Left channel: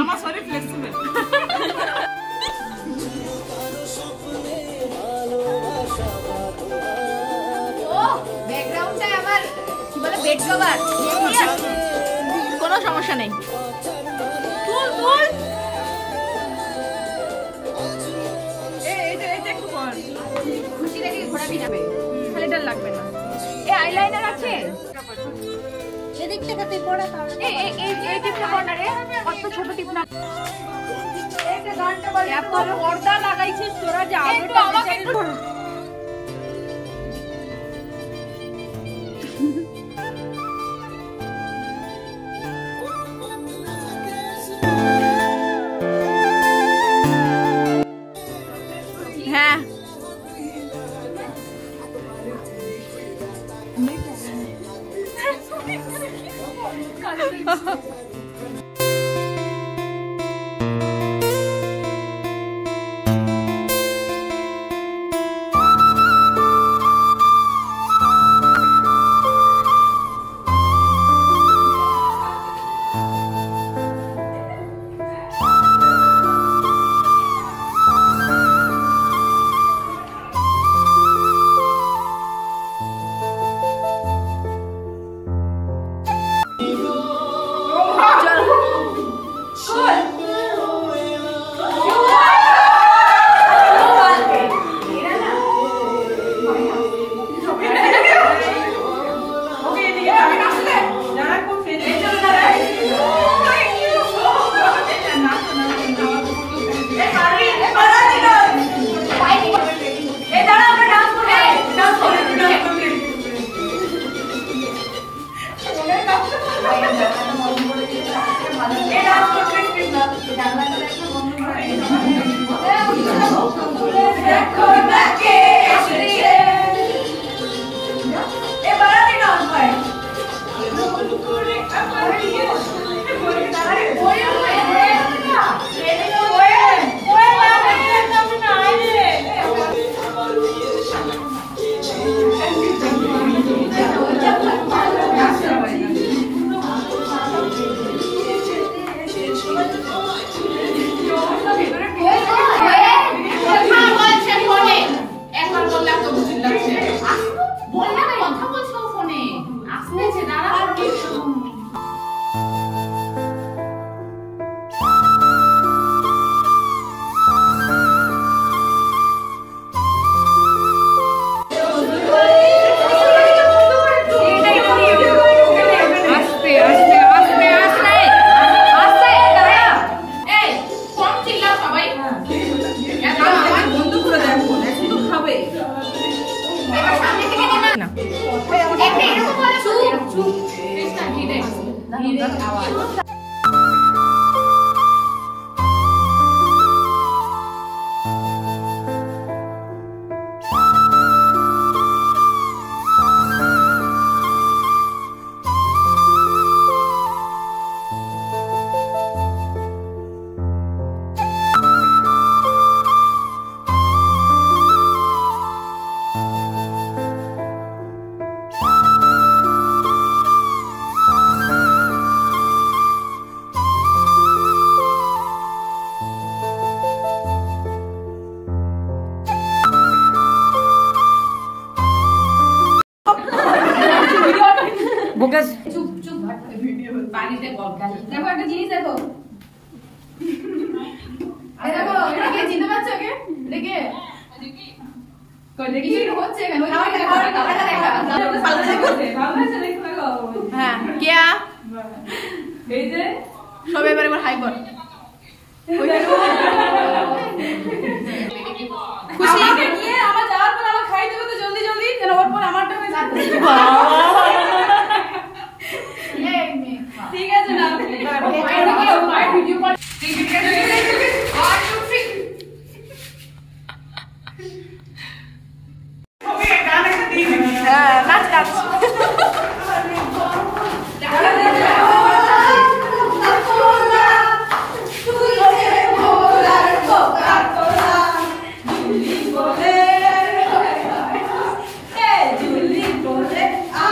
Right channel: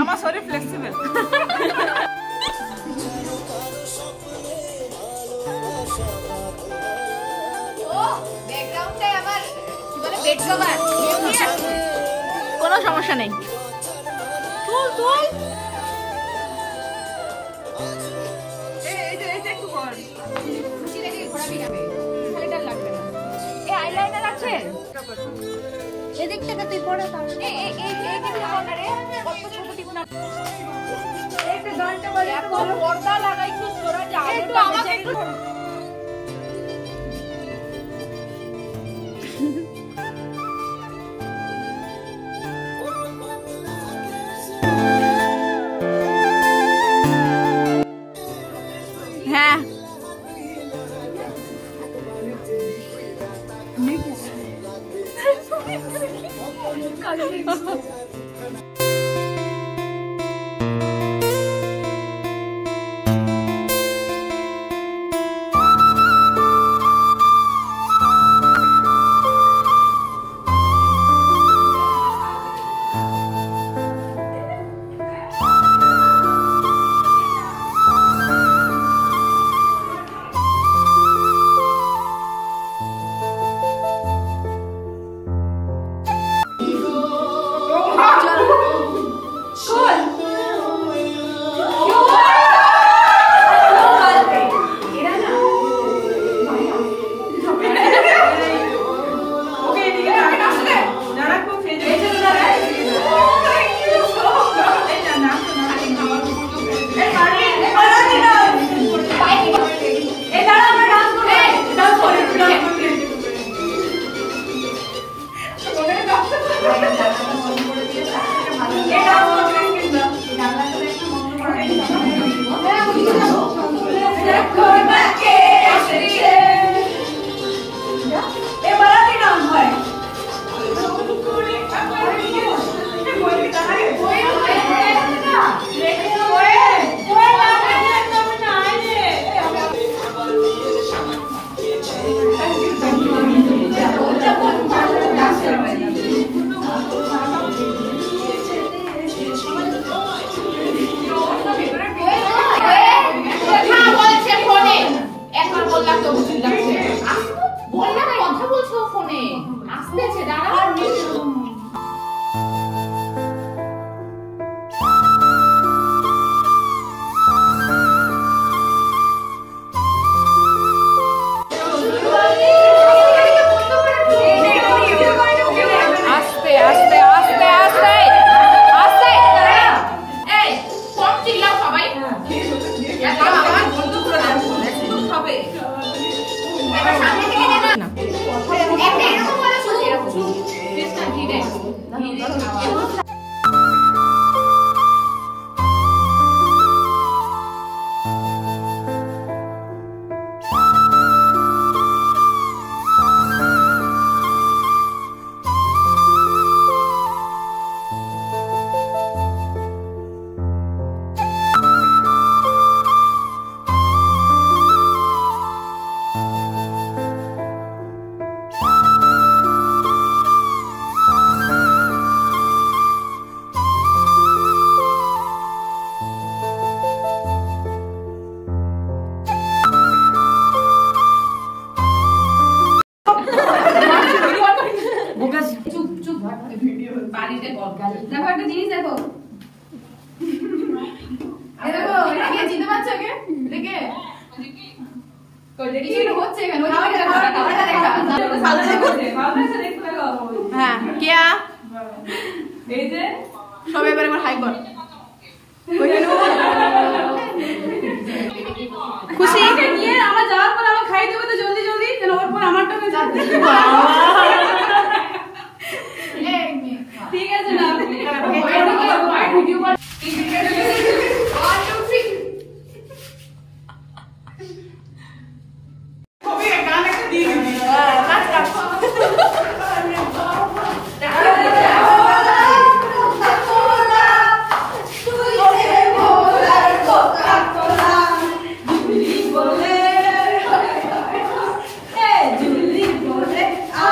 আমার শরীর ফ্লেক্সিবল। কোনো সমস্যা নেই। লাগবে না। আইলাইনার আছে এদিক থেকে তুই পড়া তাহলে এই দিকটা পড়া রে কত ছোট টিপ না এই যে গানটা বল এত পর্দা লাগাইছিস তোরা যে আলোটা আমাকে একটু হ্যাঁ হ্যাঁ কিয়া সবাই এবার একবার হাই কর খুশি আমার যাওয়ার পর আমার খাই দেবো তো জলদি জলদি ওর পর আমারটা হয়ে যাবে ঠিক আছে না ভিডিও কর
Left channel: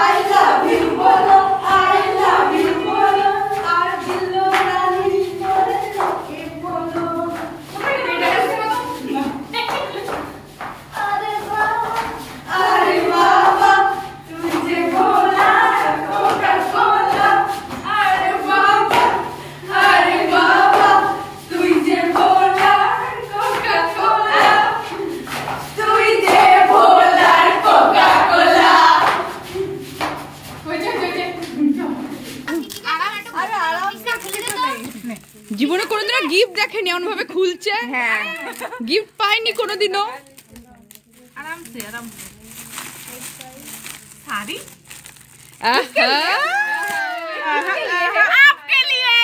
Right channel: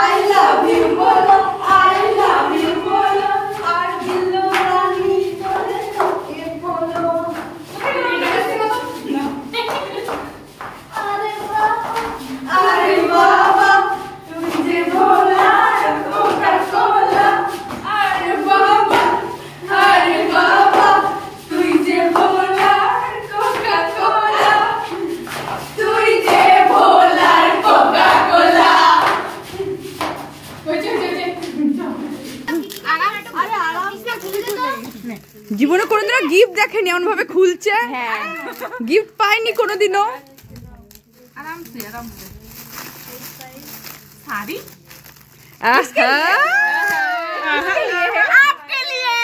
I love জীবনে কোনোদিনও গিফট দেখেনি এমন ভাবে খুলছে। হ্যাঁ গিফট পাইনি কোনোদিনও। আরামসে আরামসে শাড়ি आपके लिए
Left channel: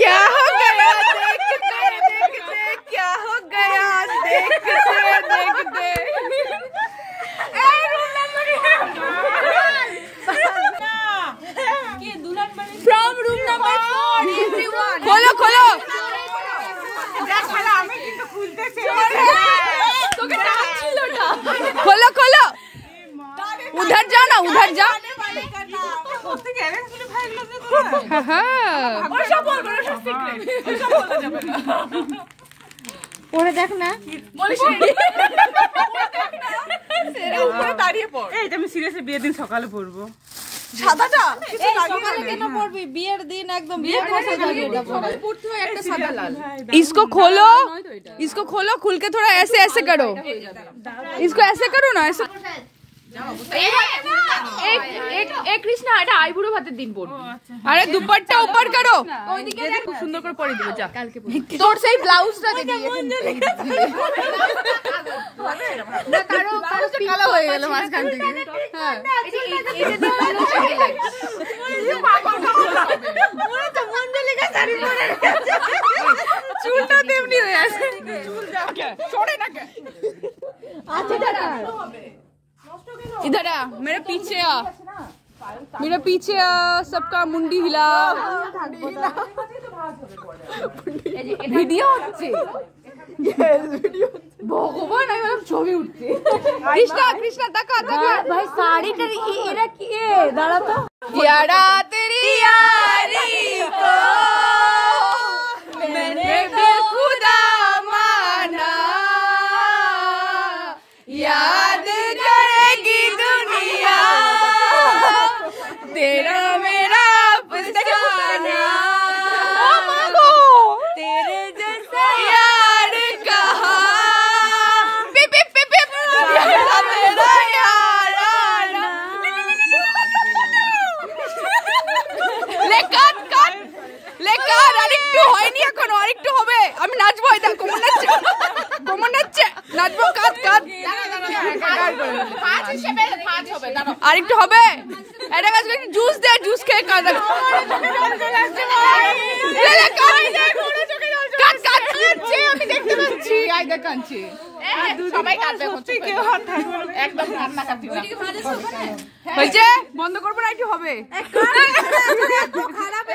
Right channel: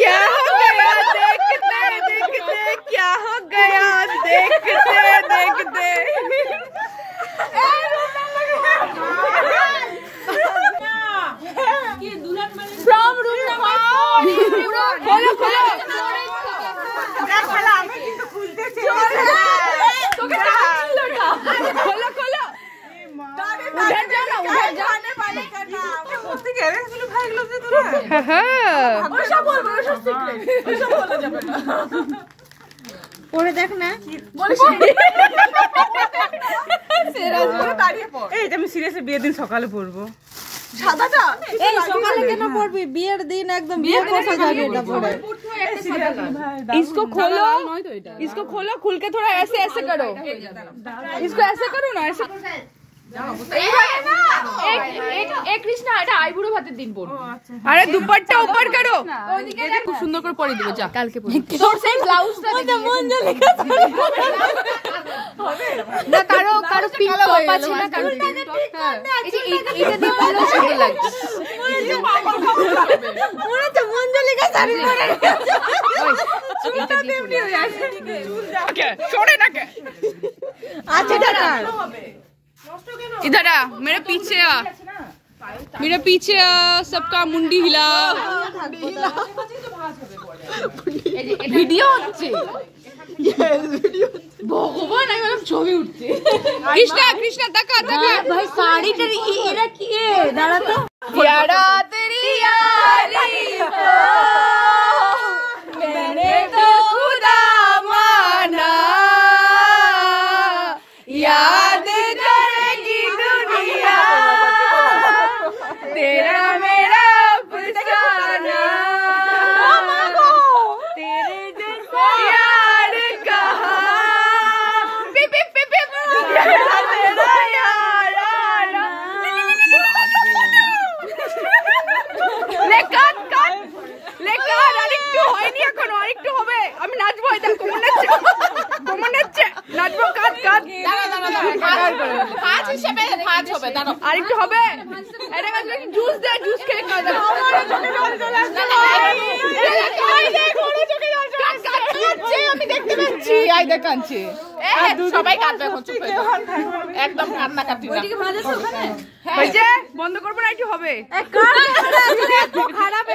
क्या हो गया देखते देखते, क्या हो गया देखते देखते। From room number 4। खोलो खोलो खोलो खोलो, उधर जाओ ना, उधर जाओ। পরে দেখ না আমি সিরিয়াসলি বিয়ের দিন সকালে পরবো। সাদাটা এই সকালে কেন পড়বি? বিয়ের দিন একদম বিয়ের পোশাক আগে এটা পরে। इसको खोलो, इसको खोलो, खुल के थोड़ा ऐसे ऐसे करो, इसको ऐसे करो ना, ऐसे। एक कृष्णा এটা আইবুড়ো ভাতের দিন পড়বো। আরে দুপাট্টা উপর করো, ওইদিকে দেখ, খুব সুন্দর করে পরে দিব। যা কালকে তোর সেই ব্লাউজটা দেখি না, কারো কারো পিঙ্ক টপ আছে না, কারো এই যে এইটা দেখলে সুন্দর লাগছে। মনে তো মঞ্জলিকা শাড়ি পরে চুলটা তেমনি হয়ে আছে। ওকে छोड़े ना के। আচ্ছা দাদা इधर आ, मेरे पीछे आ, मेरे पीछे आ, सबका मुंडी हिला। ভিডিও হচ্ছে ভগবান, আমি বললাম ছবি উঠছে। কৃষ্ণা কৃষ্ণা তাকা তাকা ভাই শাড়িটা এরা কি দাঁড়া তো यारा तेरी यारी को मैंने तो खुदा माना, याद करेगी दुनिया तेरा मेरा अफसाना, तेरे जैसा यार कहा पिप पिप पिप पिप तेरा यार आना। ले काट काट ले কার, আরেকটু হয়নি এখনো, আরেকটু হবে। আমি নাচবো, এই দেখো কোমর নাচছে, কোমর নাচছে, নাচবো। কাট কাট, পাঁচ হিসেবে পাঁচ হবে দাঁড়াও। আরেকটু হবে। এটা কাজ করে জুস দে, জুস খেয়ে কাট কাট কাট কাটছে, আমি দেখতে পাচ্ছি। আই দেখ কাটছে, সবাই কাটবে হচ্ছে একদম কান্না কাটি না। হয়েছে, বন্ধ করবো না, একটু হবে। খারাপ